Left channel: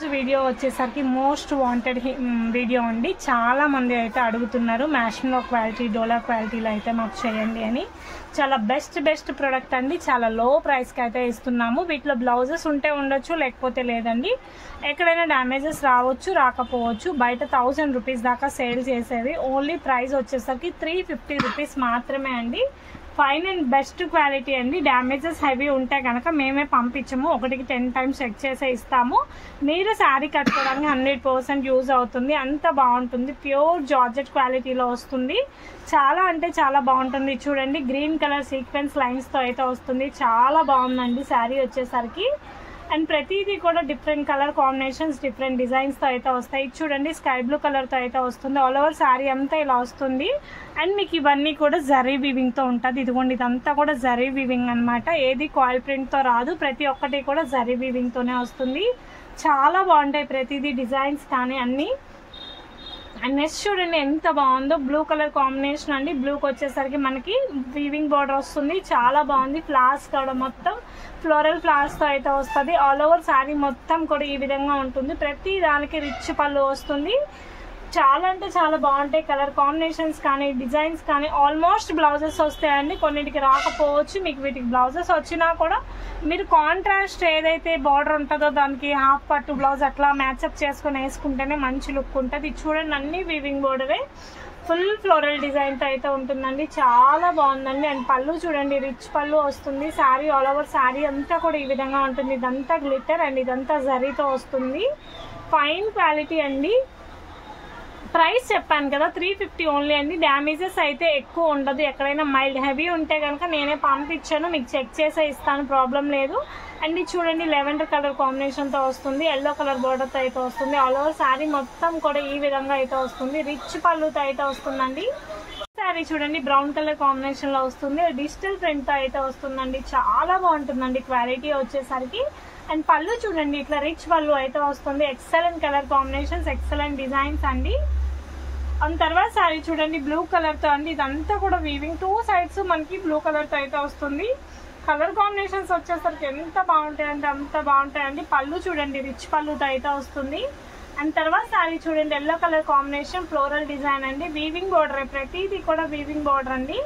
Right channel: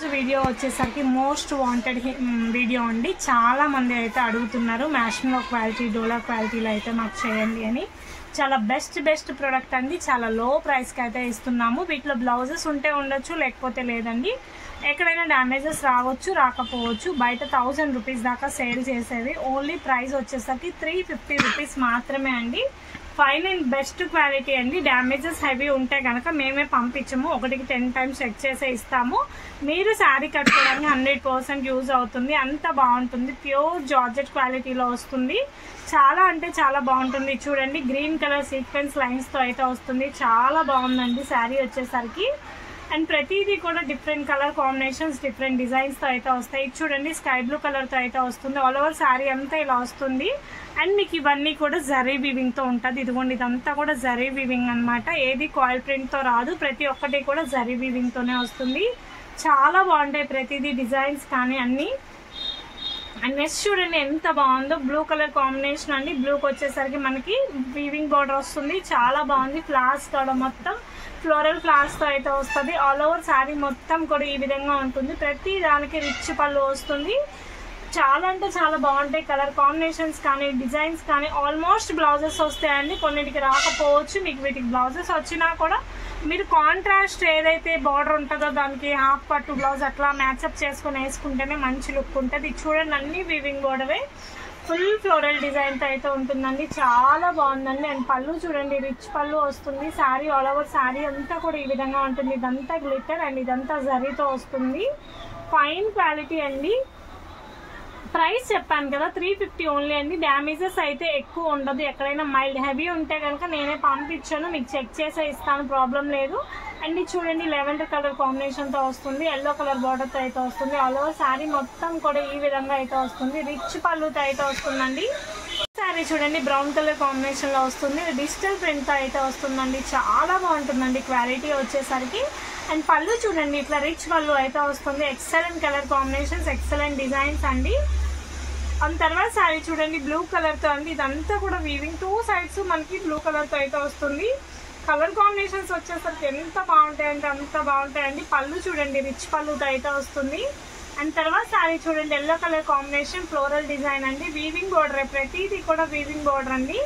Video వచ్చేసరికి most wanted video అండి. చాలా మంది అయితే అడుగుతున్నారు మ్యాషింగ్ క్వాలిటీ డోలా క్వాలిటీలో అయితే మాకు చేయండి అని. చాలా బెస్ట్ ప్రోడక్ట్ అండి. చాలా లో ప్రైస్కి అయితే ఇస్తున్నాము. వీటిలో బ్లౌజెస్ ఉంటే ఉండొచ్చు, లేకపోతే లేదండి. ఎక్కడైనా డ్యామేజెస్ రావచ్చు, రాకపోవచ్చు. బయట 1000 రూపీస్ దాకా సేల్ చేసేది. ఓన్లీ ప్రైస్ వచ్చేసరికి 350 రూపీస్ మాత్రమే అండి. ఫైన్ అండ్ బెస్ట్ క్వాలిటీ అండి. డ్యామేజెస్ హెవీ ఉంటే కనుక మేమే పంపించము, 1కి 10 టైమ్స్ చెక్ చేసే ఇస్తాము. మీరు శారీ కట్టుకోవడానికి 100% యూజ్ అవుతుంది. అంత బాగుంటుంది. ప్యూర్ జార్జెట్ క్వాలిటీలో వస్తుంది. చాలా అంటే చాలా బాగుంటుంది. చూడండి, గ్రీన్ కలర్ సీక్వెన్స్ లైన్స్తో అయితే వస్తుంది. చాలా బాగుందండి శారీ వచ్చేసరికి. అండ్ ప్రతిదీ కూడా డిఫరెంట్ కలర్ కాంబినేషన్స్, డిఫరెంట్ డిజైన్స్తో అయితే వస్తాయి. చూడండి, స్కై బ్లూ కలర్తో అయితే వస్తుంది. ఆల్ ఓవర్ శారీ అంతా ఇలా వస్తుంది. అండ్ మీకు ఇవన్నీ కూడా జరీ వీవింగ్తో ఉంటుంది. ఇదిగోండి, ఇదంతా కూడా జరీ వీవింగ్ అనమాట. ఏది కాయిల్ ప్రింట్తో రాదు. ప్రతి ఒక్కటి కూడా జరీ వీవింగ్తోనే వస్తుంది. చాలా బాగుంటాయి ప్రతిదీ, డిజైన్స్ కానీ అన్నీ. అండ్ నెక్స్ట్ చూడండి ఎంత బాగుందో, బ్లూ కలర్ కాంబినేషన్ అండి. బ్లూకి వచ్చేసరికి మనకి వీవింగ్ బోర్డర్ వస్తుంది. చాలా బాగుంది. ఫ్లవర్స్ కూడా మొత్తం ఫ్లోరల్ ఫ్లవర్స్ తో అయితే వస్తుంది. ఆల్ ఓవర్ శారీ మొత్తం కూడా ఈ విధంగా ఉంటుంది. ప్రతి దానికి రిచ్ పళ్ళు వస్తుంది. చాలా అంటే చాలా బాగుంటాయి. కలర్ కాంబినేషన్స్ కానీ, డిజైన్స్ కానీ. ఆల్మోస్ట్ బ్లౌజెస్ వస్తాయండి. కొన్నిటికి రాకపోవచ్చు. మీకు వీటికి బ్లౌజెస్ వచ్చినా కూడా మీరు కాంట్రాస్ట్ ఏదైతే బార్డర్ ఉంటుందో దానికి హాఫ్ పట్టు బ్లౌజ్ అట్లా మ్యాచ్అప్ చేసుకుని వేసుకుంటేనే మంచి లుక్ ఉంటుంది. చూడండి, అన్ని వీవింగ్ బోర్డరే. ఫుల్ ఫ్లోరల్ డిజైన్తో అయితే ఉంటుందండి. చాలా బాగుందండి. అండ్ పళ్ళు చూడండి, రిచ్ పళ్ళు వస్తుంది. శారీ ఆల్ ఓవర్ శారీ అంతా కూడా ఈ విధంగా ఉంటుంది. ఇదంతా గ్లిటర్ అండ్ ఇదంతా జరీతో వస్తుంది. ఫైన్ క్వాలిటీ అండి. ప్రైస్ చెప్పాను కదా, 350 ఓన్లీ అండి. డ్యామేజెస్ అయితే ఎక్కువ ఉండదు. ఎక్కడైనా మైల్డ్ హెవీ ఉంటే కనుక నేనే పంపించాను, మీకు చెక్ చేసే ఇస్తాను, ప్రాబ్లం లేదు. అండ్ ఇది చూడండి, లెవెండర్ కలర్ కాంబినేషన్తో వస్తుంది. ఎల్లో కలర్ బార్డర్తో అయితే వస్తుంది. ఆల్ ఓవర్ శారీ మొత్తం కూడా ఈ విధంగా అయితే వస్తుంది. రిచ్ పళ్ళుతో అయితే వస్తుందండి. శారీ చూడండి, బ్రౌన్ కలర్ కాంబినేషన్లో వస్తుంది. డిజిటల్ ప్రింట్తో అయితే వస్తుందండి. చాలా బాగుంటుందండి క్వాలిటీ వచ్చేసరికి. అండ్ పళ్ళు చూడండి, ఇట్లా రిచ్ పళ్ళు అయితే వస్తుంది. Excellent colour combinations, excellent designs అండి. అండ్ తర్వాత శారీ చూడండి, బ్లూ కలర్తో అండి. ఇదంతా కూడా వీవింగ్, 2 సైడ్స్ మనకి బ్లూ కలర్తో అయితే వస్తుంది. కలర్ కాంబినేషన్స్ వచ్చేసరికి ఎంత బాగుంటాయంటే అంత బాగుంటాయండి. పళ్ళు చూడండి, రిచ్ పళ్ళుతో అయితే వస్తుంది. అండ్ తర్వాత శారీ చూడండి, yellow colour combination, floral design అండి. వీవింగ్ బోర్డర్, ప్రతిదీ కూడా వీవింగ్ బోర్డర్ అండి.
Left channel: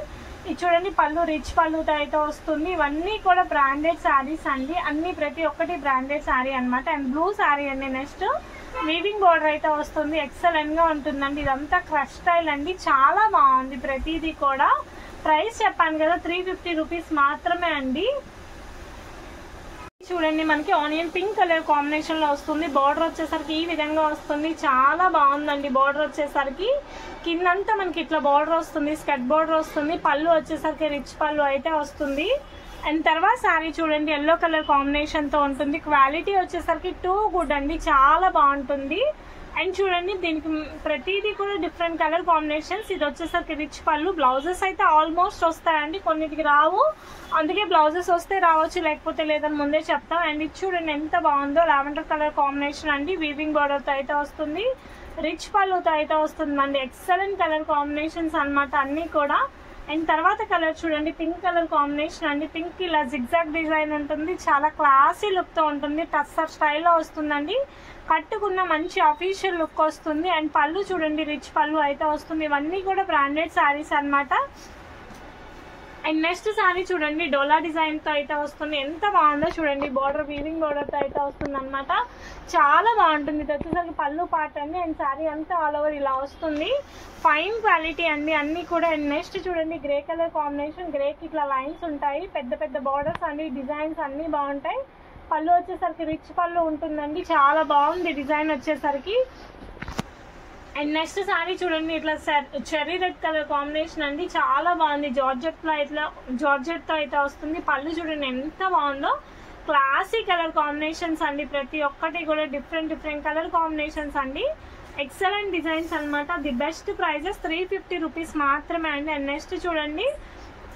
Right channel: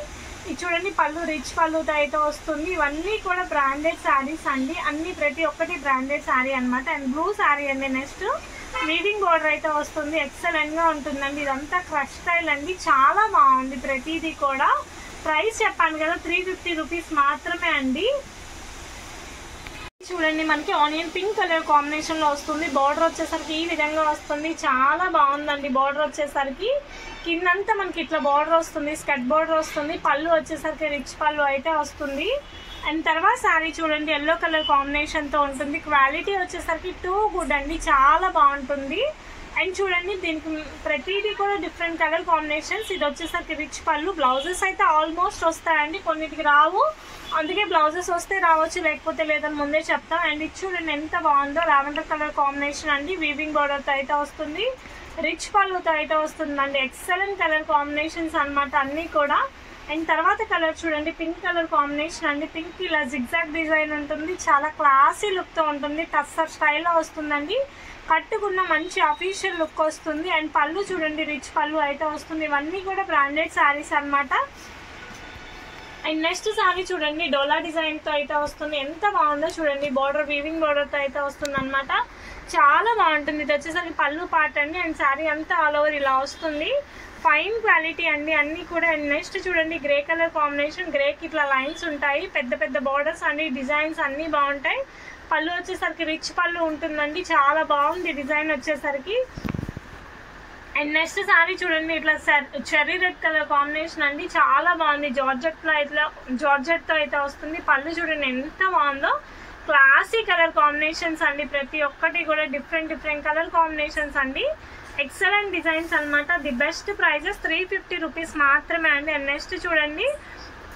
ఇది చూడండి, పళ్ళు రిచ్ పళ్ళుతో అయితే వస్తుంది. ఇవన్నీ కూడా బ్రాండెడ్ శారీస్ అండి. అన్ని ప్రతి ఒక్కటి బ్రాండెడ్ శారీ అనమాట. అండ్ బ్లూ శారీ అండి. నెక్స్ట్ వీవింగ్ బోర్డర్ అయితే వస్తుంది. ఎక్సలెంట్ గా ఉంటుందండి. ఇదంతా క్రష్ స్టైల్ అండి. చాలా బాగుంది ప్రతిదీ కూడా. ప్రైస్ చెప్పాను కదా, 350 రూపీస్ మాత్రమే అండి. చూడండి, మనకి ఆనియన్ పింక్ కలర్ కాంబినేషన్ లో వస్తుంది. బార్డర్ వచ్చేసరికి ఈ విధంగా వస్తుంది. చాలా బాగుందండి. బార్డర్ వచ్చేసరికి కిందంతా మనకి ఇట్లా బార్డర్ వస్తుంది, స్కర్ట్ బార్డర్ వస్తుంది. పళ్ళు వచ్చేసరికి రిచ్ పళ్ళు అయితే వస్తుంది. అండ్ తర్వాత శారీ చూడండి, ఎల్లో కలర్ కాంబినేషన్ తో ఉంటుంది. క్వాలిటీ వచ్చేసరికి టూ గుడ్ అండి. చాలా బాగుంటుంది. అండ్ చూడండి, దీనికి ప్రతిదీ కూడా డిఫరెంట్ కలర్ కాంబినేషన్స్. ఇది వచ్చేసరికి రిచ్ పళ్ళు. బ్లౌజెస్ అయితే ఆల్మోస్ట్ వస్తాయండి, కొన్నిటికి రావు. అందుకే బ్లౌజెస్ వస్తే రావచ్చు, లేకపోతే లేదని ముందే చెప్తాం. అండ్ ఇది చూడండి ఎంత బాగుందో, లావెండర్ కలర్ కాంబినేషన్ అండి. వీవింగ్ బార్డర్తో అయితే వస్తుంది. రిచ్ పళ్ళుతో అయితే వస్తుందండి. ఎక్సలెంట్ కలర్ కాంబినేషన్స్ అనమాట అన్నీ కూడా. అండ్ తర్వాత కలర్ చూడండి, పింక్ కలర్ కాంబినేషన్ అండి. పింక్ ఇలా జిగ్జాగ్ డిజైన్ ఉంటుంది. చాలా క్లాసీ లుక్తో ఉంటుంది. టస్సర్ స్టైల్లో వస్తుందండి. కట్టుకున్న మంచి అఫీషియల్ లుక్ వస్తుంది. అండ్ పళ్ళు చూడండి, రిచ్ పళ్ళు అయితే వస్తుంది. ఇవన్నీ కూడా బ్రాండెడ్ శారీస్ అనమాట. అండ్ నెక్స్ట్ శారీ చూడండి, డోలా డిజైన్ తో అయితే వస్తుంది. ఎంత బాగుందో చూడండి. బార్డర్ వీవింగ్ బార్డర్ తో అయితే వస్తుంది అనమాట. చాలా బాగుంటుంది. ఇది వచ్చేసరికి పళ్ళు పార్ట్ అండి. అండ్ శారీ అంతా ఆల్ ఓవర్ ఇలా వస్తుంది. ఫైన్ క్వాలిటీ అండి అన్ని కూడా. అండ్ నెక్స్ట్ చూడండి, గ్రే కలర్ కాంబినేషన్. గ్రేకి ఇట్లా లైన్స్ ఉంటాయి, పెద్ద పెద్ద బార్డర్స్ అండి. డిజైన్స్ అన్ని బాగుంటాయి. పళ్ళు వచ్చేసరికి రిచ్ పళ్ళు ఉంటుందండి. చాలా బాగుంది డిజైన్ వచ్చేసరికి. అండ్ నెక్స్ట్ శారీ చూడండి, ఇట్లా చెర్రీ రెడ్ కలర్ కాంబినేషన్ అండి. చాలా బాగుంది. జార్జెట్ లో ఇట్లా జార్జెట్ తో అయితే వస్తుంది. పళ్ళు చూడండి ఎంత బాగుందో. క్లాసీ కలర్ కాంబినేషన్స్ అండి. ప్రతి ఒక్కటి కూడా డిఫరెంట్ కలర్ కాంబినేషన్స్ అండి. ఎక్సలెంట్ డిజైన్స్ అనమాట. ది బెస్ట్ ప్రైజెస్ 350 రూపీస్ మాత్రమే అండి. అండ్ నెక్స్ట్ చూడండి,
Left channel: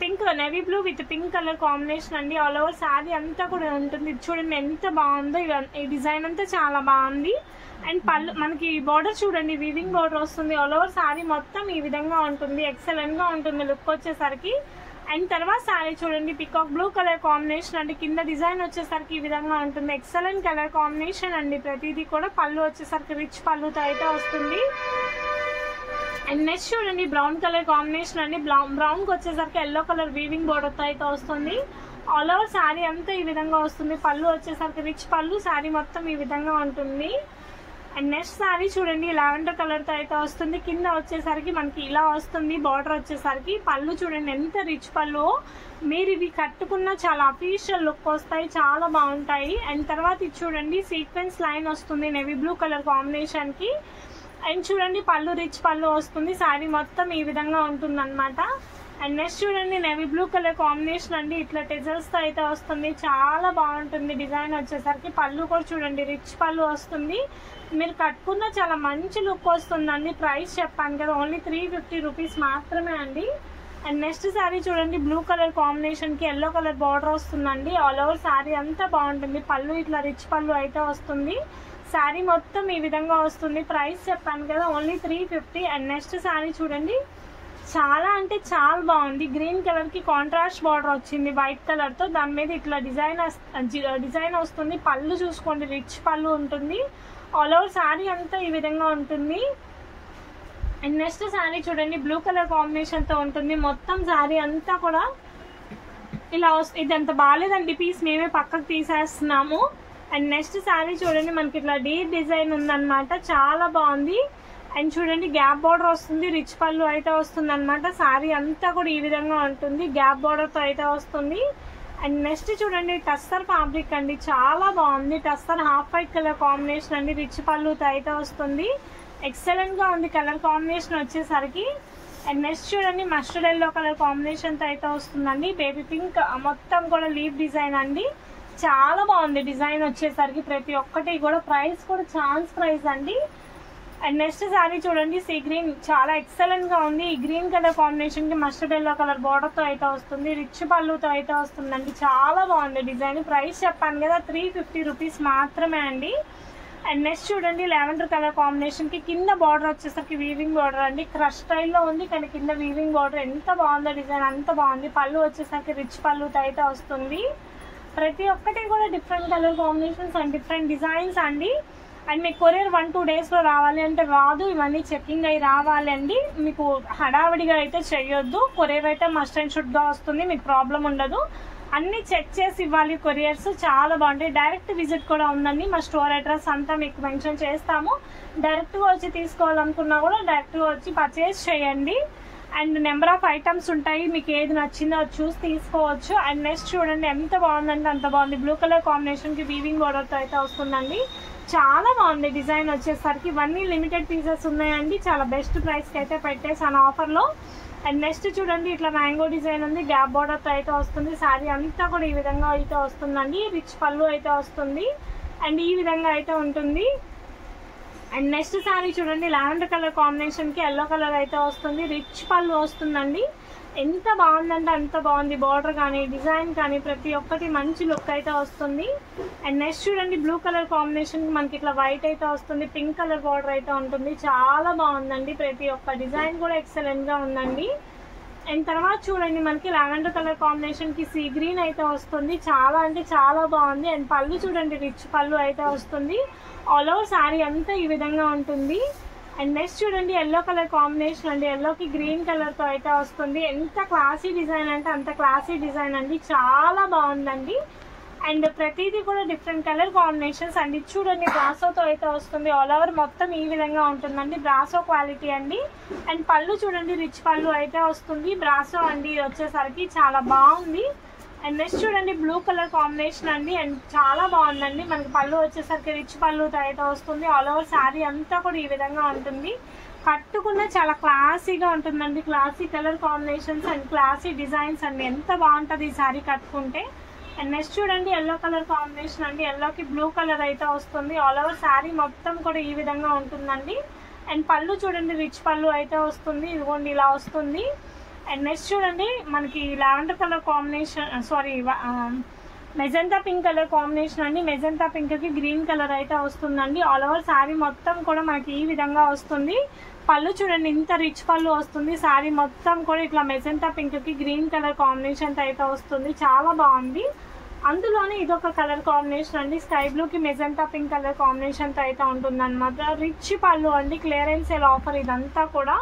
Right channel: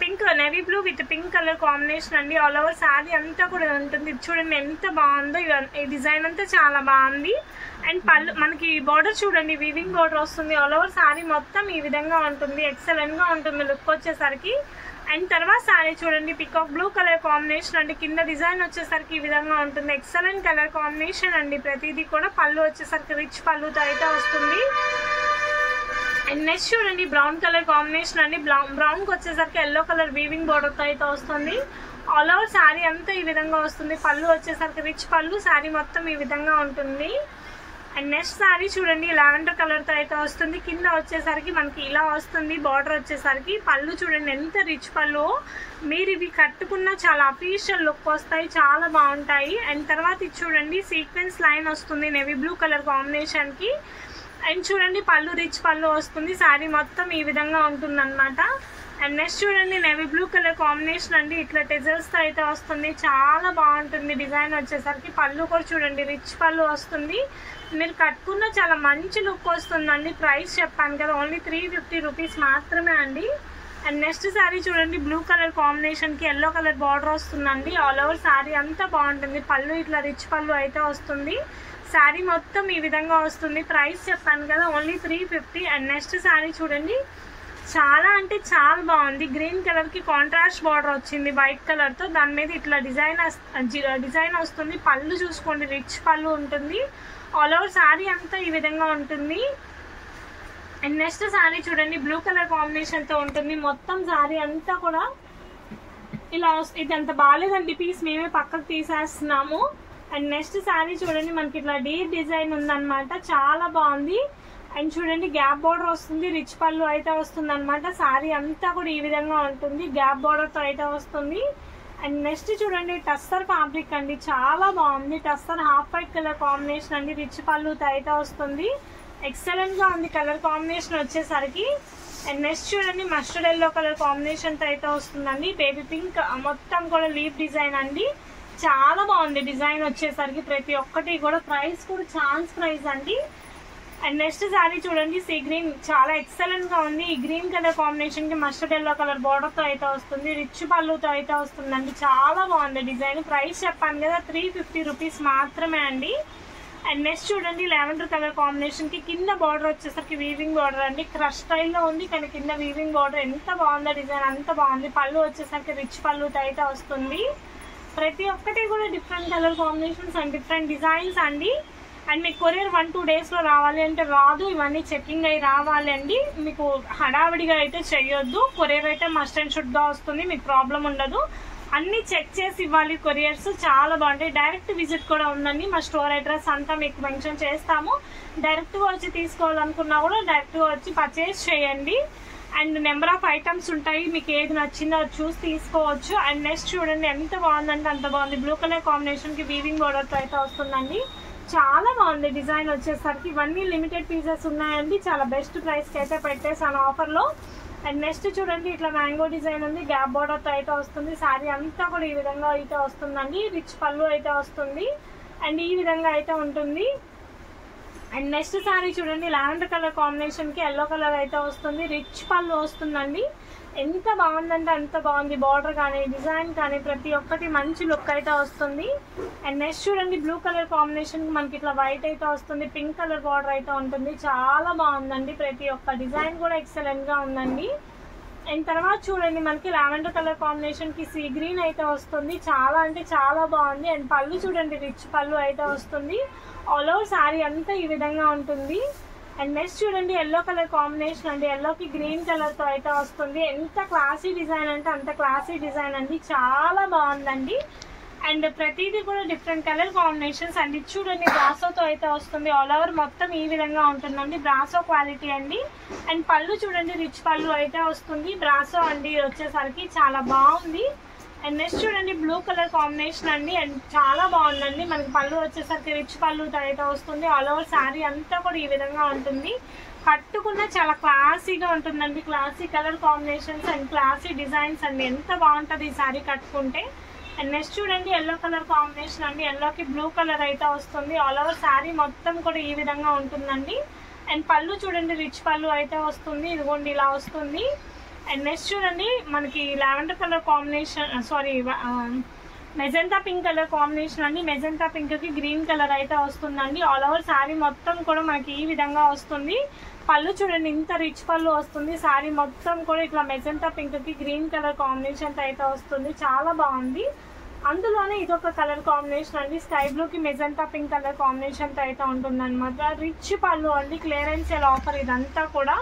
pink navy blue with pink colour combination అండి. ఆల్ ఓవర్ శారీ అంతా కూడా ఉంటుంది. చూడండి ఎంత బాగుందో. ఈ డిజైన్ అంతా చాలా బాగుంది. అండ్ పళ్ళు మనకి బార్డర్ చూడండి, వీవింగ్ బార్డర్ వస్తుంది. ఆల్ ఓవర్ శారీ మొత్తం ఈ విధంగా ఉంటుంది. ఎక్సలెంట్ గా ఉంటుంది లుక్ వచ్చేసరికి. అండ్ తర్వాత సారీ చూడండి పికాక్ బ్లూ కలర్ కాంబినేషన్ అండి. కింద డిజైన్ వచ్చేసరికి ఈ విధంగా ఉంటుంది. ఎక్సలెంట్ కలర్ కాంబినేషన్ అండి. ప్రతిదీ కూడా పళ్ళు వచ్చేసరికి రిచ్ పళ్ళుతో అయితే వస్తుంది. అండ్ నెక్స్ట్ చూడండి బ్రౌన్ కలర్ కాంబినేషన్ అండి. బ్రౌన్ కి వచ్చేసరికి ఎల్లో కలర్ వీవింగ్ బోర్డర్ తో అయితే వస్తుంది. ఆల్ ఓవర్ శారీ అంతా ఈ విధంగా వస్తుంది. పళ్ళు వచ్చేసరికి రిచ్ పళ్ళు, శారీ మొత్తం ఈ విధంగా ఉంటుంది. అండ్ నెక్స్ట్ శారీ చూడండి లావెండర్ కలర్ తో అయితే వస్తుంది. కింద వచ్చేసరికి మనకి ఇలా వస్తుంది బార్డర్ వచ్చేసరికి. పళ్ళు చూడండి ఎంత రిచ్ పళ్ళు, మీరు ఇవి కట్టుకున్న చాలా అఫీషియల్ లుక్ వస్తాయి, చాలా బాగుంటాయి. అండ్ తర్వాత ఇది చూడండి సీక్వెన్స్ లైన్ వస్తుంది నేవీ బ్లూ కలర్ కాంబినేషన్ కి. అండ్ చూడండి పళ్ళు రిచ్ పళ్ళు వస్తుంది. శారీ మొత్తం ఈ విధంగా ఉంటుంది అనమాట. అండ్ నెక్స్ట్ చూడండి నేవీ బ్లూ కలర్ కాంబినేషన్ అండి. ఇట్లా టెజల్స్ తో అయితే వస్తుంది, చాలా బాగుంటుంది డిజైన్ వచ్చేసరికి. పళ్ళు కూడా చూడండి రిచ్ పళ్ళు వస్తుంది. మీరు కట్టుకున్న చాలా మంచి లుక్ వస్తుందండి. ప్రైస్ చెప్పాను కదా ఓన్లీ 350 రూపీస్ మాత్రమే అండి. అండ్ నెక్స్ట్ శారీ చూడండి బ్లూ కలర్ కాంబినేషన్ కి ఎల్లో కలర్ బార్డర్ వస్తుందండి. ఆల్ ఓవర్ శారీ అంతా బాగుంటుంది. పళ్ళు ఇట్లా రిచ్ పళ్ళు అయితే వస్తుంది. శారీ మొత్తం ఈ విధంగా వస్తుంది. ప్రైస్ చెప్పాను కదా ఓన్లీ 350. అండ్ నెక్స్ట్ శారీ చూడండి చాలా అంటే చాలా బాగుంది. గ్రీన్ కలర్ కి కాంట్రాస్ట్ బార్డర్ వచ్చింది వైట్ కలర్ తో. దాని మీద ఇట్లా డిజైన్ వస్తుంది. పళ్ళు చూసుకోండి రిచ్ పళ్ళు ఉంటుంది. ఆల్ ఓవర్ శారీ అంతా ఈ విధంగా ఉంటుంది. అండ్ నెక్స్ట్ శారీ చూడండి బ్లూ కలర్ కాంబినేషన్ తో ఉంటుంది. మొత్తం శారీ అంతా కూడా ఇలా ఇదంతా బాగాలేదండి పీస్, మేమే పక్కకు తీసేస్తున్నాము. అండ్ నెక్స్ట్ శారీ చూడండి మనకి ఇట్లా డీప్ డిజైన్ ఉందన్నమాట, చాలా బాగుంది. అండ్ చూడండి గ్యాప్ బార్డర్ వస్తుంది, రిచ్ పళ్ళు అయితే వస్తుంది అనమాట. శారీ అంతా కూడా ఈ విధంగా ఉంటుంది, గ్యాప్ బార్డర్ తో అయితే వస్తుంది. అండ్ నెక్స్ట్ చూడండి టస్సర్ ఫ్యాబ్రిక్ అండి, చాలా బాగుంది. Tussar half white colour combination అండి, రిచ్ పళ్ళుతో అయితే వస్తుంది. ఎక్సలెంట్ గా ఉంది కలర్ కాంబినేషన్ వచ్చేసరికి. అండ్ నెక్స్ట్ చూడండి మస్టర్డ్ ఎల్లో కలర్ కాంబినేషన్ తో అయితే వస్తుందండి. బేబీ పింక్ మొత్తం కూడా లీఫ్ డిజైన్ అండి, చాలా బాగుంది డిజైన్ వచ్చేసరికి. ప్రతి ఒక్కటి కూడా ప్రైస్ కూడా ఛాన్స్ ప్రైస్ అండి. అండ్ నెక్స్ట్ శారీ చూడండి సీ గ్రీన్, చాలా ఎక్సలెంట్ గా ఉంది. ఈ గ్రీన్ కలర్ కాంబినేషన్ కి మస్టర్డ్ ఎల్లో కలర్ బోర్డర్ తో అయితే వస్తుంది, రిచ్ పళ్ళుతో అయితే వస్తుందండి. చాలా బాగుంది డిజైన్. ప్రైస్ చెప్పాను కదా 350 రూపీస్ మాత్రమే అండి. అండ్ నెక్స్ట్ చూడండి లావెండర్ కలర్ కాంబినేషన్ కి కింద బార్డర్ వచ్చేసరికి వీవింగ్ బార్డర్ అండి. క్రష్ స్టైల్లో ఉంది కానీ కింద వీవింగ్ బార్డర్, ఎంత బాగుందో డిజైన్, అంత బాగుంది. పళ్ళు వచ్చేసరికి రిచ్ పళ్ళుతో అయితే వస్తుంది. ప్రతి ఒక్కటి కూడా different colour combinations and different designs అండి. అండ్ మీకు కొరియర్ 1-2 days లో రావాలి అంటే రాదు, ఇవన్నీ చెకింగ్ అయి రావాలండి. మీకు హడావిడిగా అయితే చెయ్యొద్దు. కొరియర్ అయితే మస్ట్ అండ్ షుడ్ గా వస్తుంది, మీకు ప్రాబ్లం ఉండదు. అన్ని చెక్ చేసి ఇవ్వాలి కొరియర్స్, చాలా బాగుంటాయి. డైరెక్ట్ విజిట్ కూడా ఉందండి, మా స్టోర్ అడ్రస్ అంతా మీకు మెన్షన్ చేస్తాము. డైరెక్ట్ గా వచ్చి తీసుకోవాలనుకున్నా కూడా డైరెక్ట్ గా వచ్చి పర్చేస్ చేయండి. అండ్ నెంబర్ ఆఫ్ ఐటమ్స్ ఉంటాయి, మీకు ఏది నచ్చిందో అది చూసి తీసుకోవచ్చు. అండ్ నెక్స్ట్ చూడండి ఎంత బాగుందంటే అంత బాగుంది. బ్లూ కలర్ కాంబినేషన్ కి వీవింగ్ బోర్డర్ తో అయితే వస్తుందండి, చాలా బాగుంది డిజైన్ వచ్చేసరికి. ఇవన్నీ లిమిటెడ్ పీసెస్ ఉన్నాయండి, చాలా బెస్ట్ ప్రైస్ కి అయితే పెట్టేసాను ఆఫర్ లో. అండ్ నెక్స్ట్ చూడండి ఇట్లా మ్యాంగో డిజైన్ ఉంది, గ్యాప్ బోర్డర్ తో అయితే వస్తుంది. శారీ అంతా కూడా ఈ విధంగా అయితే వస్తుందండి, రిచ్ పళ్ళు అయితే వస్తుంది. అండ్ ఈ విధంగా అయితే ఉంటుంది. అండ్ నెక్స్ట్ శారీ చూడండి లావెండర్ కలర్ కాంబినేషన్ కి ఎల్లో కలర్ అయితే వస్తుంది, రిచ్ పళ్ళు వస్తుందండి. ఎంత బాగుందంటే అంత బాగుంది. బార్డర్ కానీ డిజైన్ కానీ ప్రతి ఒక్కటి మంచి లుక్ అయితే వస్తుంది. అండ్ నెక్స్ట్ చూడండి బ్లూ కలర్ కాంబినేషన్ కి మనకి ఇట్లా వైట్ అయితే వస్తుంది, పింక్ కలర్ బార్డర్ అయితే ఉంటుంది, చాలా బాగుందండి. ప్రతి ఒక్క డిజైన్ కూడా ఎక్సలెంట్ గా ఉందండి. అండ్ తర్వాత చూడండి మనకి లావెండర్ కలర్ కాంబినేషన్ కి సీ గ్రీన్ అయితే వస్తుంది, చాలా అంటే చాలా బాగుంది. అండ్ పళ్ళు చూడండి రిచ్ పళ్ళు అయితే వస్తుంది. ఆల్ ఓవర్ శారీ అంతా ఈ విధంగా ఉంటుంది. అండ్ నెక్స్ట్ చూడండి ఎల్లో కలర్ కాంబినేషన్ అండి, ఎల్లోకి గ్రీన్ కలర్ తో అయితే వస్తుంది. ఎంత క్లాసీ డిజైన్ అంటే అంత క్లాసీ డిజైన్ అండి, చాలా బాగుందండి. అండ్ ప్రతిదీ కూడా డిఫరెంట్ కలర్ కాంబినేషన్స్ అండి. చూడండి బ్రాసోతో అయితే వస్తుంది, ఆల్ ఓవర్ మొత్తం ఈ విధంగా ఉంటుందండి, బ్రాసో క్వాలిటీ అండి. అండ్ పళ్ళు చూడండి రిచ్ పళ్ళు అయితే వస్తుంది, బ్రాసో అండి వచ్చేసరికి చాలా బాగుంది. అండ్ నెక్స్ట్ చూడండి బ్లూ కలర్ కాంబినేషన్ అండి, అండ్ చాలా బాగుందండి. మనకి పళ్ళు వచ్చేసరికి రిచ్ పళ్ళుతో అయితే వస్తుంది. ఆల్ ఓవర్ శారీ అంతా కూడా ఈ విధంగా ఉంటుంది, కట్టుకున్న చాలా క్లాసీగా ఉంటుందండి. Classy colour combinations and classy designs అండి, ఎంత బాగుంటుంది ఈ శారీ కట్టుకుంటే. అండ్ నెక్స్ట్ చూడండి ఎల్లో కలర్ కాంబినేషన్ అండి, ఎల్లోకి బ్లూ కలర్ అయితే వస్తుంది. ఆల్ ఓవర్ శారీ మొత్తం కూడా ఈ విధంగా ఉంటుందండి. అండ్ పళ్ళు చూడండి రిచ్ పళ్ళు అయితే వస్తుంది, ఇదిగోండి ఇలా వస్తుంది. అండ్ నెక్స్ట్ చూడండి మనకి lavender colour combination magenta pink colour combination అండి. మెజెంటా పింక్ కి గ్రీన్ కలర్ అయితే వస్తుందండి. ఆల్ ఓవర్ శారీ మొత్తం కూడా మనకి ఈ విధంగా వస్తుంది. పళ్ళు చూడండి ఇంత రిచ్ పళ్ళు వస్తుంది. శారీ మొత్తం కూడా ఇట్లా మెజెంటా పింక్ కి గ్రీన్ కలర్ కాంబినేషన్ అయితే వస్తుంది. చాలా బాగుంది. అందులోనే ఇదొక కలర్ కాంబినేషన్ అండి. స్కై బ్లూ కి మెజెంటా పింక్ కలర్ కాంబినేషన్ అయితే ఉంటుంది అనమాట. రిచ్ పళ్ళు అండి. క్లియరెన్స్ సేల్ ఆఫర్ ఇదంతా కూడా.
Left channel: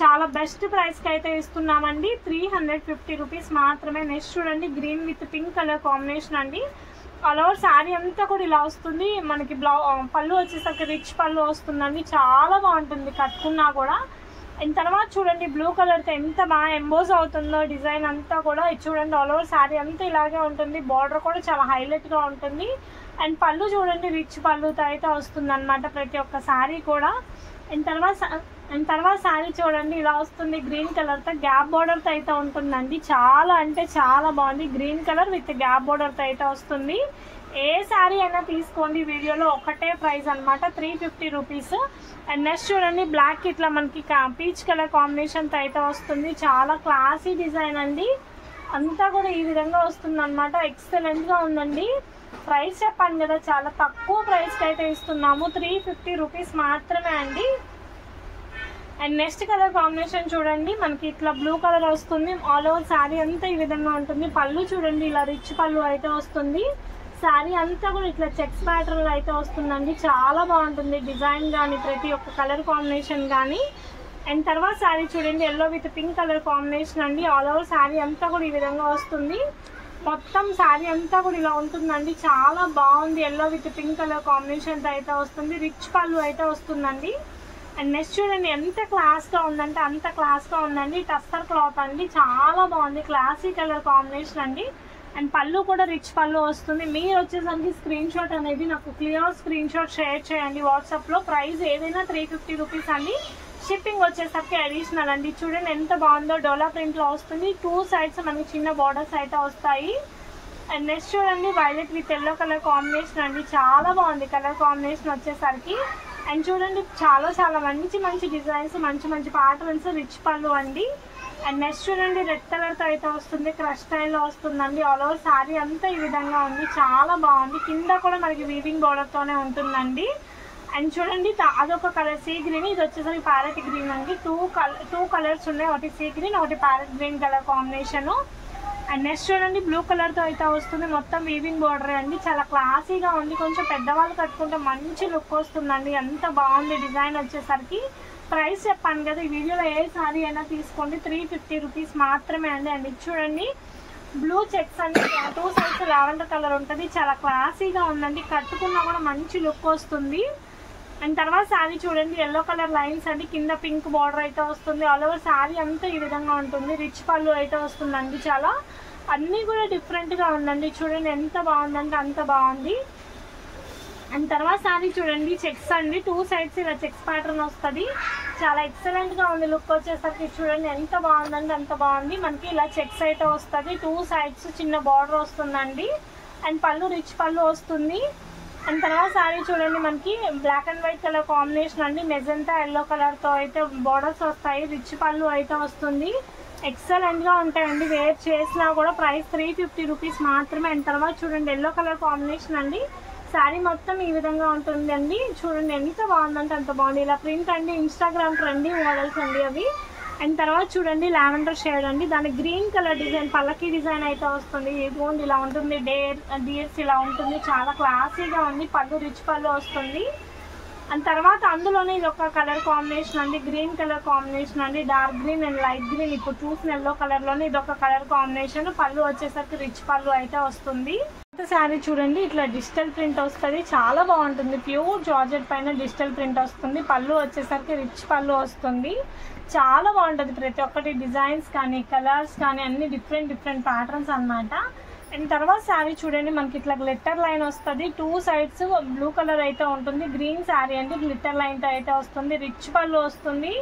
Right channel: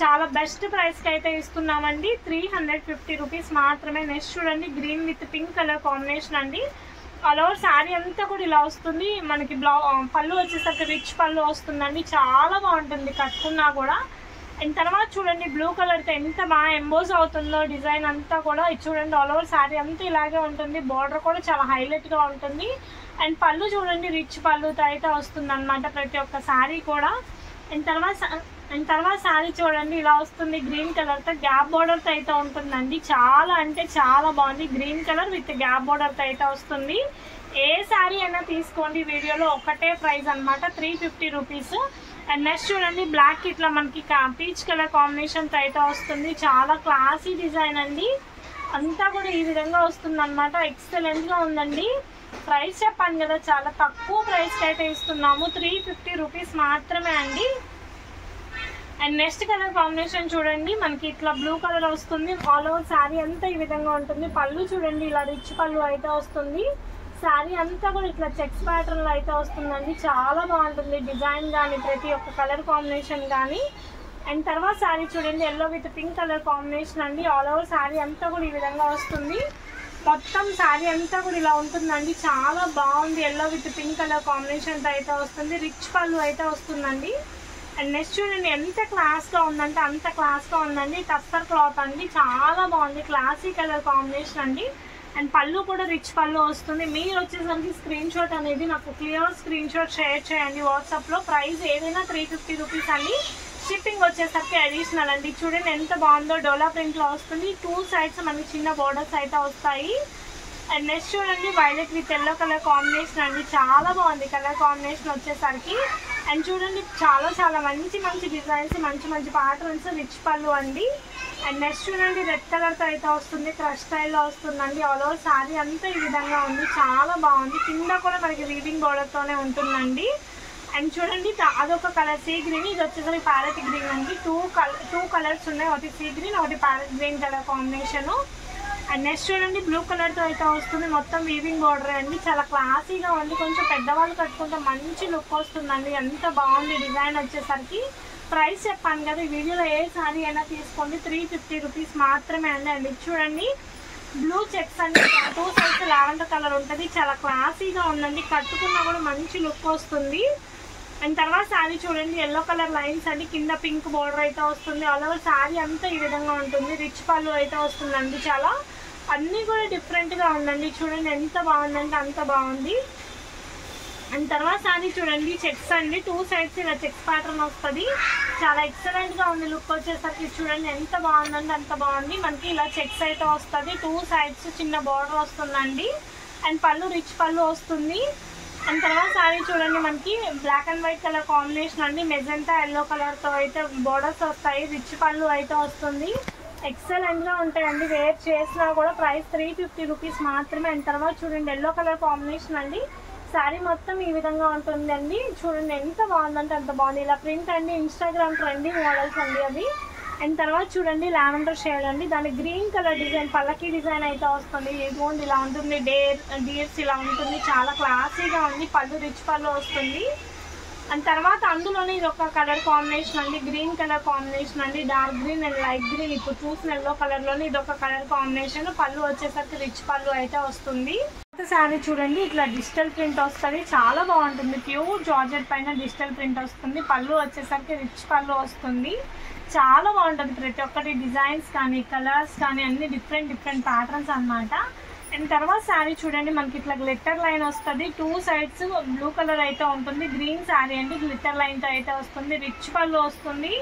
చాలా బెస్ట్ ప్రైస్ కి అయితే ఇస్తున్నామండి. 350 రూపీస్ మాత్రమే. నెక్స్ట్ చూడండి green with pink colour combination అండి. ఆల్ ఓవర్ శారీ అంతా కూడా ఇలా వస్తుంది. మనకి పళ్ళు వచ్చేసరికి రిచ్ పళ్ళు వస్తుందండి. చాలా బాగుంటుంది కట్టుకున్నా కూడా. అండ్ తర్వాత చూడండి బ్లూ కలర్ తో ఎంత బాగా ఎంబోజ్ అవుతుందో డిజైన్ అంతా కూడా. ఇది చూడండి ఆల్ ఓవర్ శారీ అంతా ఇలాగే ఉంటుంది. బార్డర్ కూడా చాలా హైలైట్ గా ఉంటుంది. అండ్ పళ్ళు చూడండి రిచ్ పళ్ళుతో అయితే వస్తుంది అనమాట ప్రతి ఒక్క శారీ కూడా. అండ్ తర్వాత శారీ చూడండి ఇలా వస్తుంది. గ్రీన్ కలర్ తో గ్యాప్ బోర్డర్ తో అయితే ఉంటుందండి. చాలా అంటే చాలా బాగుంది. Green colour with gap border తో అయితే వస్తుంది. ఏ శారీ అయినా తీసుకోండి. వీడియోలో ఒకటే ప్రైస్ అనమాట 350 రూపీస్. అండ్ నెక్స్ట్ చూడండి బ్లాక్ ఇట్లా మనకి పీచ్ కలర్ కాంబినేషన్ తో అయితే వస్తుంది. చాలా క్లాసీ డిజైన్ అండి. అంతా కూడా ఈ విధంగా వస్తుంది అనమాట. ఎక్సలెంట్ గా ఉందండి. ప్రైస్ చెప్పాను కదా చాలా తక్కువ ప్రైస్ అయితే ఇస్తున్నాము. 350 రూపీస్ మాత్రమే అండి. అండ్ నెక్స్ట్ కలర్ కాంబినేషన్ చూడండి మనకి ఇట్లా బ్లూ కలర్ వస్తుంది. ఆల్ ఓవర్ శారీ అంతా ఈ విధంగా ఉంటుంది. పళ్ళు చూడండి ఇలా రిచ్ పళ్ళు అయితే వస్తుంది. శారీ అంతా కూడా ఇట్లా చెక్స్ ప్యాటర్న్ లో అయితే వస్తుందండి. చాలా బాగుంటుంది డిజైన్ కానీ ప్రతి ఒక్క కలర్ కాంబినేషన్ కానీ. అండ్ తర్వాత శారీ చూడండి yellow with pink colour combination అండి. ఆల్ ఓవర్ శారీ అంతా కూడా ఈ విధంగా వస్తుంది. మొత్తం శారీ అంతా కూడా ఇలా ఉంటుందండి. చాలా బాగుంది. Yellow with pink colour combination అయితే వస్తుంది. రిచ్ పళ్ళు అయితే వస్తుందండి. అండ్ నెక్స్ట్ చూడండి ఎంత క్లాస్ గా ఉందంటే అంత క్లాస్ గా ఉందండి. టస్సర్ క్లాత్ అండి. చాలా బాగుంది. క్లాసీ కలర్ కాంబినేషన్ అండి. అండ్ పళ్ళు కూడా రిచ్ పళ్ళు వస్తుంది. మీరు వచ్చేసరికి స్క్రీన్ షాట్ అనేది నాకు క్లియర్ స్క్రీన్ షాట్ షేర్ చేయండి వాట్సాప్ లో. ప్రైస్ ఏదైనా 350 రూపీస్ అండి. షిప్పింగ్ వచ్చేసరికి అడిషనల్ అండి. చూడండి ఎంత బాగుందో. డోలా ప్రింట్ లో వస్తుంది. 2 సైడ్స్ మనకి చిన్న బార్డర్స్ అయితే వస్తాయి. అండ్ నెక్స్ట్ చూడండి violet with yellow colour combination అండి. చాలా బాగుంది కలర్ కాంబినేషన్ వచ్చేసరికి. అండ్ చూడండి చాలా మంచి డిజైన్స్, మంచి ప్యాటర్న్స్, రిచ్ పళ్ళు అండి. అండ్ నెక్స్ట్ చూడండి రెడ్ కలర్ తో అయితే వస్తుంది. క్రష్ స్టైల్లో వస్తుందండి. ఆల్ ఓవర్ శారీ అంతా ఈ విధంగా ఉంది. చాలా బాగుంది. కింద కూడా మనకి వీవింగ్ బోర్డర్ తోనే ఉంటుందండి. అండ్ చూడండి అదొక కలర్ సీ గ్రీన్. ఇది వచ్చేసరికి ప్యారెట్ గ్రీన్ అండి. టూ కలర్స్ ఉన్నాయి. ఒకటి సీ గ్రీన్, ఒకటి parrot green colour combination. And next చూడండి బ్లూ కలర్ తో అయితే వస్తుంది. మొత్తం వీవింగ్ బోర్డర్ అండి. చాలా క్లాసీగా ఉంది. కొంచెం పెద్దవాళ్ళు కట్టుకుంటే మంచి లుక్ వస్తుందండి. ఎంత బాగుంది డిజైన్ వచ్చేసరికి. ప్రైస్ చెప్పాను కదా ఈ వీడియోలో ఏ సారీ అయినా తీసుకోండి 350 రూపీస్ మాత్రమే అండి. అండ్ చూడండి బ్లూ చెక్స్ అండి. 2 సైడ్స్ లావెండర్ కలర్ ఉంటుంది. చాలా క్లాసీగా ఉందండి. కట్టుకున్నా కూడా మంచి లుక్ వస్తుంది. అండ్ తర్వాత శారీ చూడండి ఎల్లో కలర్ లైన్స్ అండి. కింద పింక్ బార్డర్ అయితే వస్తుంది. ఆల్ ఓవర్ శారీ అంతా ఈ విధంగా ఉంటుంది. రిచ్ పళ్ళు అయితే వస్తుందండి. చాలా అన్నీ కూడా డిఫరెంట్ గా ఉందండి. చూడండి ఎంత బాగుందంటే అంత బాగుంది. అండ్ తర్వాత శారీ చూడండి చెక్స్ అండి. 2 సైడ్స్ ఇలా చెక్స్ ప్యాటర్న్ వస్తుంది. చాలా ఎక్సలెంట్ గా ఉంది లుక్ వచ్చేసరికి. చూడండి ఎంత బాగుందండి అంత బాగుంది. మనకి ఇలా చెక్స్ అయితే వస్తుంది. 2 సైడ్స్ చిన్న బార్డర్ వస్తుందండి. అండ్ పళ్ళు రిచ్ పళ్ళు వస్తుంది. అండ్ తర్వాత శారీ చూడండి మనకి black and white colour combination అండి. మెజెంటా ఎల్లో కలర్ తో అయితే బోర్డర్స్ వస్తాయి. రిచ్ పళ్ళు అయితే వస్తుంది. ఎక్సలెంట్ గా ఉంటాయండి. వేర్ చేసినా కూడా ప్రైస్ 350 రూపీస్ మాత్రమే. అండ్ తర్వాత చూడండి ఎల్లో కలర్ కాంబినేషన్ అండి. శారీ మొత్తం ఈ విధంగా ఉంటుంది అండి. చూడండి ఎంత బాగుందంటే అంత బాగుంది. ఇలా ప్రింట్ అండి. ఇన్స్టాగ్రామ్ ట్రెండింగ్ మోడల్స్ అండి అవి. అండ్ తర్వాత చూడండి లావెండర్ షేడ్ అండి. దాని గ్రీన్ కలర్ డిజైన్ పల్లకి డిజైన్ అయితే వస్తుంది. ఇదిగోండి ఇలా ఉంటుంది. డియర్స్ ఇలా ఉంటుంది. చాలా క్లాసీగా ఉంది. పళ్ళు రిచ్ పళ్ళు వస్తుంది. అండ్ తర్వాత అందులోనే ఇది ఒక కలర్ కాంబినేషన్ అండి. గ్రీన్ కలర్ కాంబినేషన్ అండి. Dark green and light green. ఇప్పుడు చూసిన ఎల్లో కలర్ లోనే ఇది ఒక కలర్ కాంబినేషన్. పళ్ళు వచ్చేసరికి రిచ్ పళ్ళు అయితే వస్తుంది. శారీ చూడండి ఇట్లా డిజిటల్ ప్రింట్ వస్తుంది. చాలా బాగుంటుంది. ప్యూర్ జార్జెట్ పైన డిజిటల్ ప్రింట్ వస్తుంది. పళ్ళు వచ్చేసరికి రిచ్ పళ్ళు వస్తుంది. చాలా బాగుంటుంది. ప్రతి ఒక్కటి డిజైన్స్ కానీ కలర్స్ కానీ అన్ని డిఫరెంట్ ప్యాటర్న్స్ అన్నమాట. అండ్ తర్వాత శారీ చూడండి మనకి ఇట్లా గ్లిట్టర్ లైన్ వస్తుంది. 2 సైడ్స్ బ్లూ కలర్ అయితే ఉంటుంది. గ్రీన్ శారీ అండి. గ్లిట్టర్ లైన్ తో అయితే వస్తుంది. రిచ్ పళ్ళు వస్తుంది.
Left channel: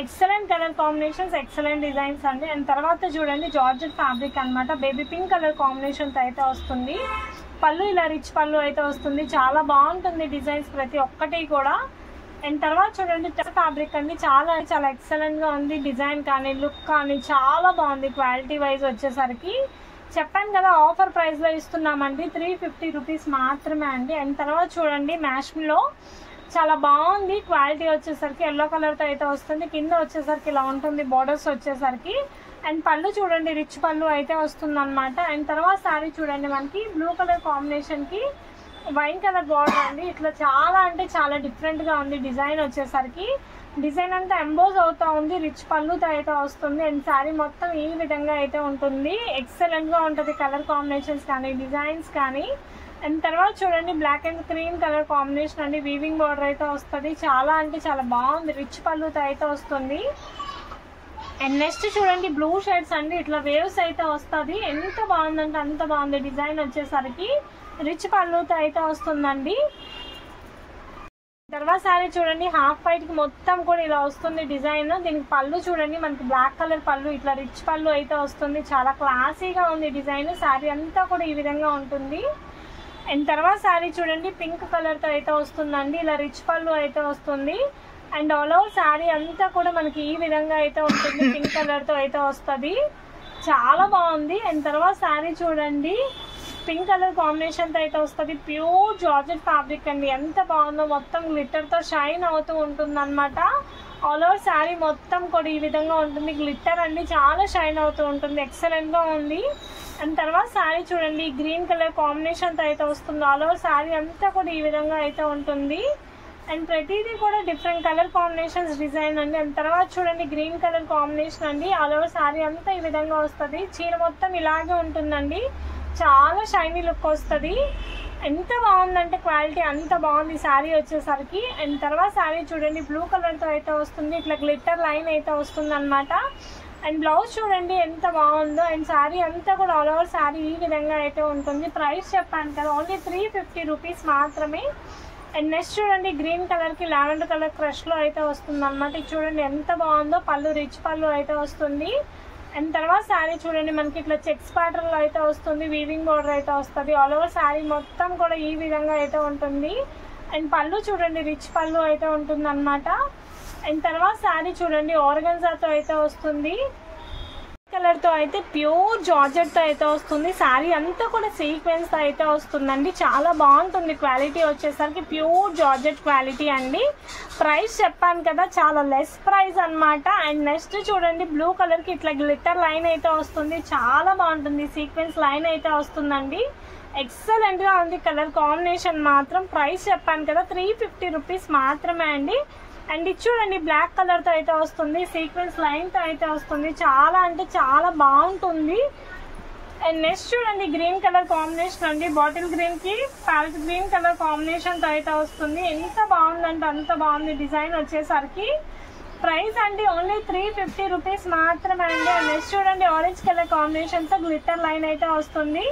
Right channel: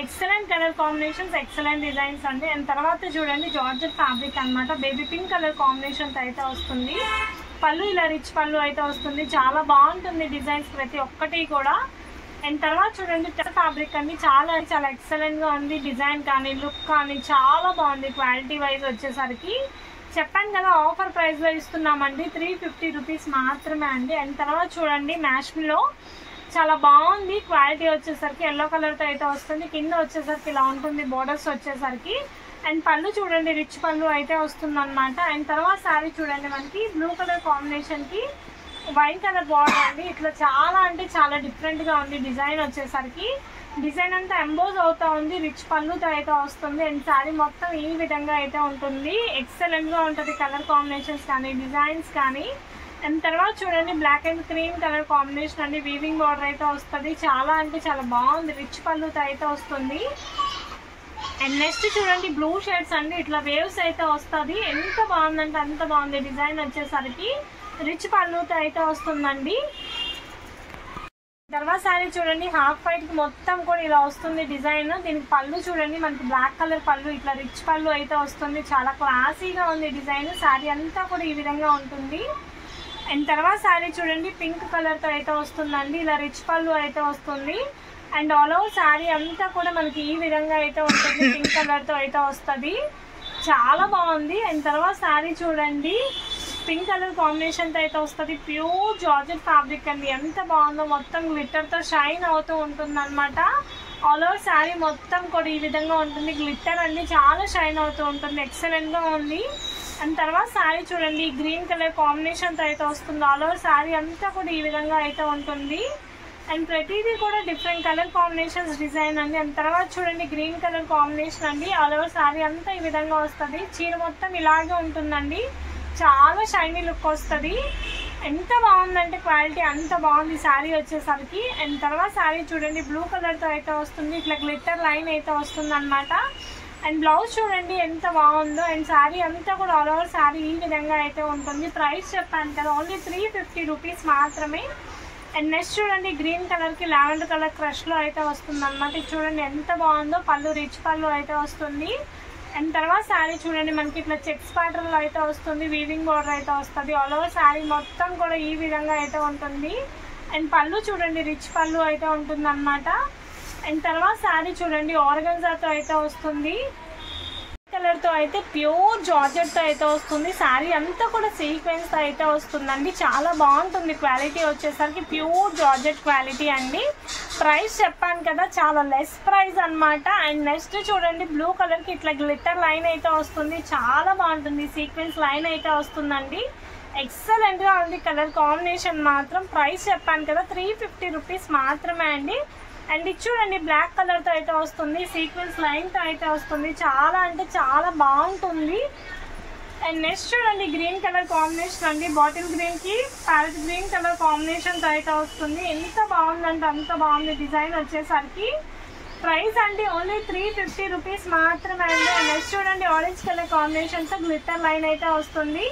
Excellent colour combinations, excellent designs అండి. అండ్ తర్వాత చూడండి జార్జెట్ ఫ్యాబ్రిక్ అనమాట. బేబీ పింక్ కలర్ కాంబినేషన్ అయితే వస్తుంది. పళ్ళు ఇలా రిచ్ పళ్ళు అయితే వస్తుంది. చాలా బాగుంటుంది డిజైన్స్ ప్రతి ఒక్కటి కూడా. అండ్ తర్వాత చూడండి ఫ్యాబ్రిక్ అండి. చాలా ఎక్సలెంట్ గా ఉంది. డిజైన్ కానీ లుక్ కానీ చాలా బాగుంది. క్వాలిటీ వైజ్ వచ్చేసరికి చెప్పాను కదా ఆఫర్ ప్రైస్లో ఇస్తున్నామండి, 350 రూపీస్ మాత్రమే అండి. అండ్ తర్వాత చూడండి మ్యాష్లో చాలా బాగుంది క్వాలిటీ వచ్చేసరికి, ఎల్లో కలర్తో అయితే వస్తుంది. కింద వచ్చేసరికి ఇలా ఉంటుంది బార్డర్స్ వచ్చేసరికి. అండ్ పళ్ళు చూడండి రిచ్ పళ్ళు అయితే వస్తుంది అనమాట. అండ్ తర్వాత శారీ చూడండి మనకి బ్లూ కలర్ కాంబినేషన్కి వైన్ కలర్ బార్డర్ అండి. ఇట్లా చాలా అంటే చాలా డిఫరెంట్గా ఉంది డిజైన్ వచ్చేసరికి. డిజైన్ అంతా ఎంబోజ్ అవుతా ఉంది, రిచ్ పళ్ళుతో అయితే వస్తుంది. అండ్ శారీ మొత్తం ఈ విధంగా అయితే ఉంటుంది. ఎక్సలెంట్గా ఉంటుంది కలర్ కాంబినేషన్స్ కానీ డిజైన్స్ కానీ. అండ్ తర్వాత చూడండి black and cream colour combination అండి, వీవింగ్ బార్డర్ అయితే వస్తుంది. చాలా అంటే చాలా బాగుంది, రిచ్ పళ్ళుతో అయితే వస్తుంది. అండ్ నెక్స్ట్ చూడండి బ్లూ షేడ్స్ అండి, ఇట్లా వేవ్స్ అయితే వస్తుంది. ఎంత బాగుందంటే అంత బాగుంది డిజైన్ వచ్చేసరికి, రిచ్ పళ్ళుతో అయితే వస్తుందండి. తర్వాత శారీ చూడండి హాఫ్ వైట్ కి మొత్తం కూడా ఇలా వస్తుంది డిజైన్. దీనికి పళ్ళు చూడండి మనకి బ్లాక్ కలర్ పళ్ళు, ఇట్లా రిచ్ పళ్ళు అయితే వస్తుంది. చాలా క్లాసీగా ఉంది డిజైన్. శారీ అంతా కూడా ఈ విధంగా ఉంటుంది. అండ్ తర్వాత శారీ చూడండి పింక్ కలర్ తో అయితే వస్తుందండి, ఇలా రిచ్ పళ్ళు అయితే వస్తుంది. అండ్ ఆల్ ఓవర్ శారీ అంతా కూడా మనకి ఈ విధంగా అయితే ఉంటుంది, పింక్ కలర్ తో అయితే వస్తుంది. చాలా బాగుంది. అండ్ తర్వాత శారీ చూడండి పింక్ కలర్ కాంబినేషన్ తో అయితే వస్తుంది. ప్యూర్ జార్జెట్ ఫ్యాబ్రిక్ అండి, ఎంత బాగుందో. మొత్తం గ్లిట్టర్ తో షైన్ అవుతూ ఉంటుంది అనమాట. ఆల్ ఓవర్ శారీ మొత్తం కూడా ఈ విధంగా ఉంటుంది. గ్లిట్టర్ అండి, చాలా షైన్ అవుతూ ఉంటుంది. ఎక్సలెంట్ గా ఉంది. అండ్ తర్వాత శారీ చూడండి గ్రీన్ కలర్ కాంబినేషన్ తో అయితే వస్తుంది. ఆల్ ఓవర్ శారీ అంతా కూడా ఈ విధంగా అయితే ఉంటుంది. అండ్ ప్రతిదీ కూడా డిఫరెంట్ కలర్ కాంబినేషన్స్ డిజైన్ అండి. అండ్ తర్వాత చూడండి గ్రీన్ కలర్ కాంబినేషన్ అండి, ఆల్ ఓవర్ శారీ అంతా ఈ విధంగా వస్తుంది. చీర మొత్తం ఇలాగే ఉంటుందండి, చాలా షైనీ లుక్ వస్తుంది. ఎంత బాగుందంటే క్వాలిటీ అంత బాగుంది శారీ వచ్చేసరికి. అండ్ తర్వాత శారీ చూడండి బ్లూ కలర్ తో అయితే వస్తుంది, ఇట్లా గ్లిట్టర్ లైన్ అయితే వస్తుంది అనమాట. అండ్ బ్లౌజ్ చూడండి ఎంత బాగుందో. అండ్ శారీ అంతా కూడా ఆల్ ఓవర్ శారీ ఈ విధంగా అయితే ఉంటుంది. ప్రైస్ చెప్పాను కదా ఓన్లీ 350 రూపీస్ మాత్రమే. అండ్ నెక్స్ట్ చూడండి గ్రీన్ కలర్ కి లావెండర్ కలర్ క్రష్ లో అయితే వస్తుంది అనమాట. ఇది చూడండి ఎంత బాగుందో, పళ్ళు రిచ్ పళ్ళు అయితే వస్తుంది. అండ్ తర్వాత శారీ చూడండి మనకి ఇట్లా చెక్స్ ప్యాటర్న్ లో అయితే వస్తుంది, వీవింగ్ బోర్డర్ అయితే వస్తుంది. ఆల్ ఓవర్ శారీ మొత్తం కూడా ఈ విధంగా అయితే ఉంటుంది. అండ్ పళ్ళు చూడండి రిచ్ పళ్ళు అయితే ఉంటుంది అనమాట. అండ్ తర్వాత శారీ చూడండి ఆర్గన్జాతో అయితే వస్తుంది, కలర్ తో అయితే ప్యూర్ జార్జెట్ తో అయితే వస్తుంది. శారీ అంతా కూడా సీక్వెన్స్ తో అయితే వస్తుందండి. చాలా బాగుంటుంది క్వాలిటీ వచ్చేసరికి, ప్యూర్ జార్జెట్ క్వాలిటీ అండి. ప్రైస్ చెప్పాను కదా చాలా లెస్ ప్రైస్ అన్నమాట. అండ్ నెక్స్ట్ చూడండి బ్లూ కలర్ కి ఇట్లా గ్లిట్టర్ లైన్ అయితే వస్తుంది, చాలా బాగుంటుంది. సీక్వెన్స్ లైన్ అయితే వస్తుందండి. ఎక్సలెంట్ గా ఉంది కలర్ కాంబినేషన్ మాత్రం. ప్రైస్ చెప్పాను కదా 350 రూపీస్ మాత్రమే అండి. అండ్ ఇది చూడండి బ్లాక్ కలర్ తో అయితే వస్తుంది, సీక్వెన్స్ లైన్ తో అయితే వస్తుంది. చాలా అంటే చాలా బాగుంటుంది. అండ్ నెక్స్ట్ చూడండి గ్రీన్ కలర్ కాంబినేషన్ అండి, బాటిల్ గ్రీన్ కి ప్యారెట్ గ్రీన్ కలర్ కాంబినేషన్ తో అయితే వస్తుంది. ఎంత బాగుందంటే అంత బాగుంది డిజైన్ వచ్చేసరికి. ప్రైస్ అండి ఓన్లీ 350 రూపీస్ మాత్రమే అండి. నెక్స్ట్ చూడండి ఆరెంజ్ కలర్ కాంబినేషన్ తో గ్లిట్టర్ లైన్ అయితే వస్తుంది.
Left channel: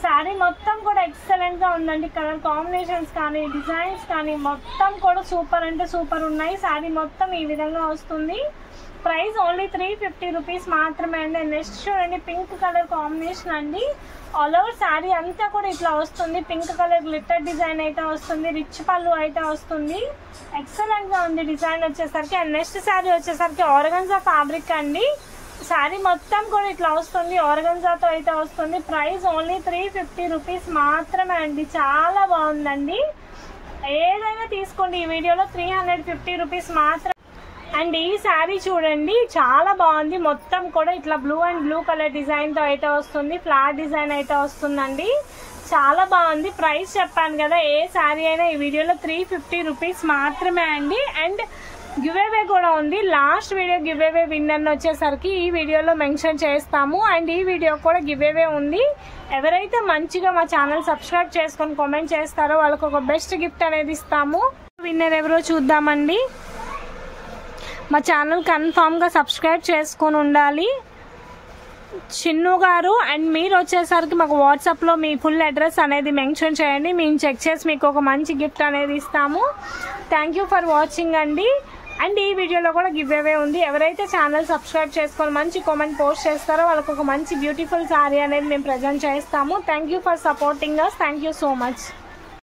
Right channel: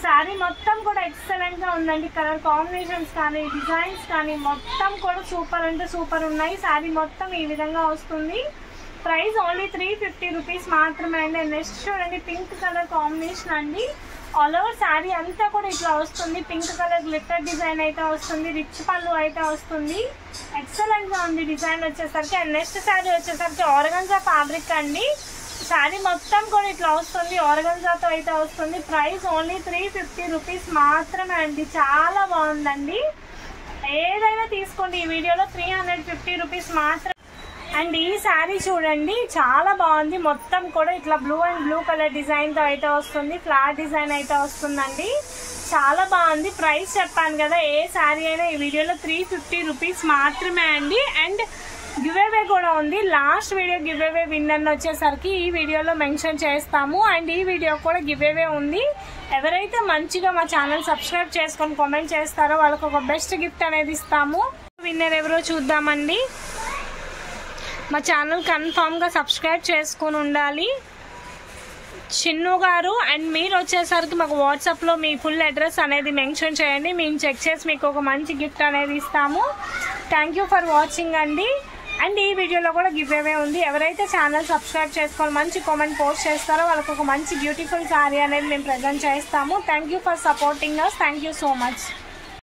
శారీ మొత్తం కూడా ఎక్సలెంట్ గా ఉందండి. కలర్ కాంబినేషన్స్ కానీ డిజైన్స్ కానీ మొత్తం కూడా సూపర్ అంటే సూపర్ ఉన్నాయి. శారీ మొత్తం ఈ విధంగా వస్తుంది. ప్రైస్ ఓన్లీ 350 రూపీస్ మాత్రమే అండి. నెక్స్ట్ చూడండి పింక్ కలర్ కాంబినేషన్ అండి, ఆల్ ఓవర్ శారీ అంతా కూడా ఇట్లా వస్తుంది. పింక్ కలర్ గ్లిట్టర్ డిజైన్ అయితే వస్తుంది, రిచ్ పళ్ళు అయితే వస్తుంది. ఎక్సలెంట్ గా ఉంది డిజైన్ వచ్చేసరికి. అండ్ నెక్స్ట్ శారీ వచ్చేసరికి ఆర్గన్జా ఫ్యాబ్రిక్ అండి. శారీ మొత్తం కూడా ఇట్లా వస్తుంది, ఆర్గన్జాతో అయితే వస్తుంది. ప్రైస్ ఓన్లీ 350 రూపీస్ మాత్రమే అండి. చాలా బాగుందండి, ఏదైనా తీసుకోండి. ఈ వీడియోలో 350 రూపీస్ మాత్రమే. అండ్ ఈ శారీ చూడండి చాలా బాగుంది. మొత్తం కూడా ఇట్లా blue and blue colour design తో అయితే వస్తుంది, ఫ్లాట్ డిజైన్ అయితే వస్తుందండి. చాలా బాగుంది. ప్రైస్ చెప్పాను కదా ఏ శారీ అయినా ఈ వీడియోలో 350 రూపీస్ మాత్రమే అండి. అండ్ గివ్ అవే కూడా ఉంది. Last video give away winner వచ్చేసరికి ఈ వీడియోలో మెన్షన్ చేస్తాము. అండ్ ఈ వీడియో కూడా గివ్ అవే ఉంది. ఎవరైతే మంచిగా మా ఛానల్ సబ్స్క్రైబ్ చేసుకొని కామెంట్ చేస్తారో వాళ్ళకి ఒక బెస్ట్ గిఫ్ట్ అనేది ఇస్తాము. విన్నర్ ఎవరో చూద్దామండి. మా ఛానల్ కన్ఫామ్ గా సబ్స్క్రైబ్ చేసుకొని ఉండాలి, చిన్ను గారు. అండ్ మీరు వచ్చేసరికి మాకు వాట్సాప్ లో మీ ఫుల్ అడ్రస్ అనేది మెన్షన్ చేయండి, మేము చెక్ చేసి మీకు ఒక మంచి గిఫ్ట్ అనేది ఇస్తాము. థ్యాంక్ యూ ఫర్ వాచింగ్ అండి. అండ్ ఈ వీడియోలో కూడా గివ్ అవే ఉంది. ఎవరైతే ఛానల్ సబ్స్క్రైబ్ చేసుకొని మంచి కామెంట్ పోస్ట్ చేస్తారో వాళ్ళకి ఒక మంచి బ్యూటిఫుల్ శారీ అనేది మేము ప్రజెంట్ చేస్తాము. Thank you for supporting us. Thank you so much.